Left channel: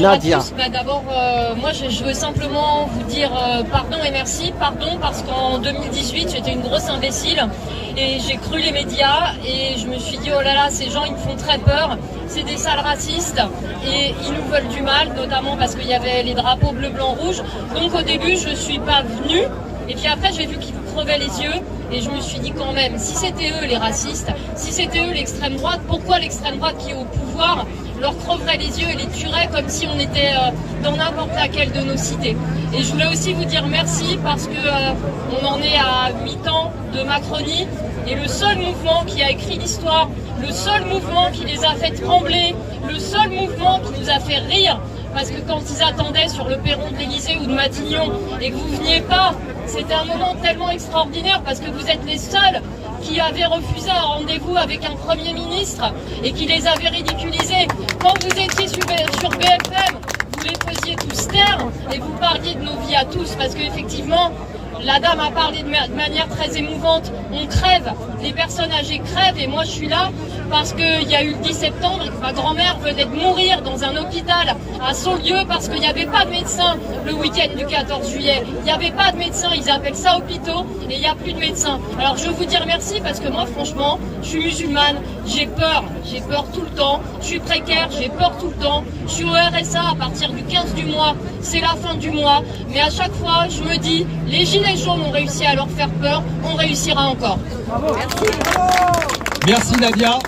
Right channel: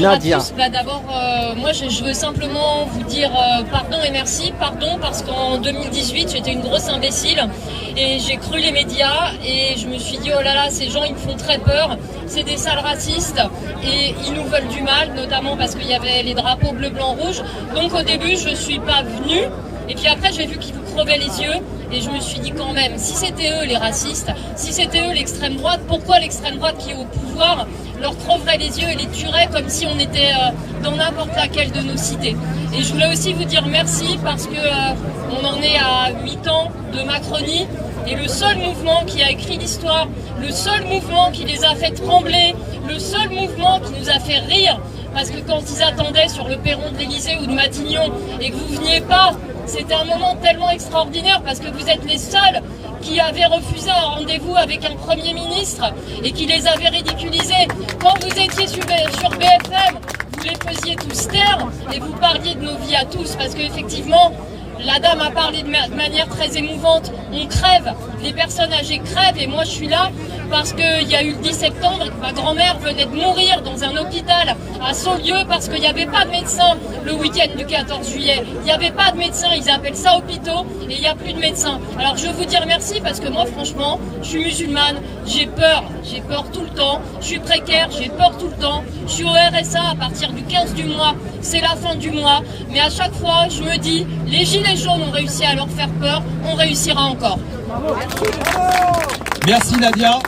Nadia. D'abord, moi je veux simplement vous dire pardon et merci. Pardon parce qu'en 2018 j'étais une grosse imbécile et j'ai cru les médias et je me suis dit oh là là, ces gens ils me font très peur, c'est des sales racistes et ils nous veulent du mal, notamment parce qu'il y avait les drapeaux bleu, blanc, rouge. Donc au début je suis pas venue et puis après j'ai vu qu'ils vous crevaient les yeux. Et je me suis dit quand même, si c'était eux les racistes, si c'était eux l'extrême droite, pourquoi l'extrême droite qui est au pouvoir leur creverait les yeux et les tuerait comme si on était dans n'importe laquelle de nos cités. Et je voulais aussi vous dire merci parce que on en est à 8 ans de Macronie et le seul mouvement qui a écrit l'histoire, le seul mouvement qui les a fait trembler, le seul mouvement qui nous a fait rire, parce que quand ils attendaient sur le perron de l'Élysée ou de Matignon et que vous veniez pas, c'était un moment tellement extraordinaire parce que vous êtes les seuls qui avaient refusé un rendez-vous avec un Premier ministre et qui les avaient ridiculisés. Quand vous étiez sur BFM, vous les faisiez tous taire et vous parliez de nos vies à tous parce qu'effectivement, la dame a parlé de manière très émouvante. On crève, les personnes âgées crèvent et moi je suis là parce qu'il y a eu le 10 septembre et que ma grand-mère venait de mourir dans un hôpital à Saulieu parce qu'il n'y avait pas de médecin le week-end du 14 juillet. Il n'y avait pas de médecin, ils appellent ça hôpitaux et il n'y a plus de médecins. Alors je veux vous dire merci parce que moi franchement, je suis musulmane, j'ai peur tout le temps, je suis précaire, j'ai peur tout le temps, je suis au RSA à partir du 15 du mois, c'est la fin du mois, mais à chaque fois je me dis, les gilets jaunes ont réussi à leur faire peur, on réussira encore. Merci Nadia.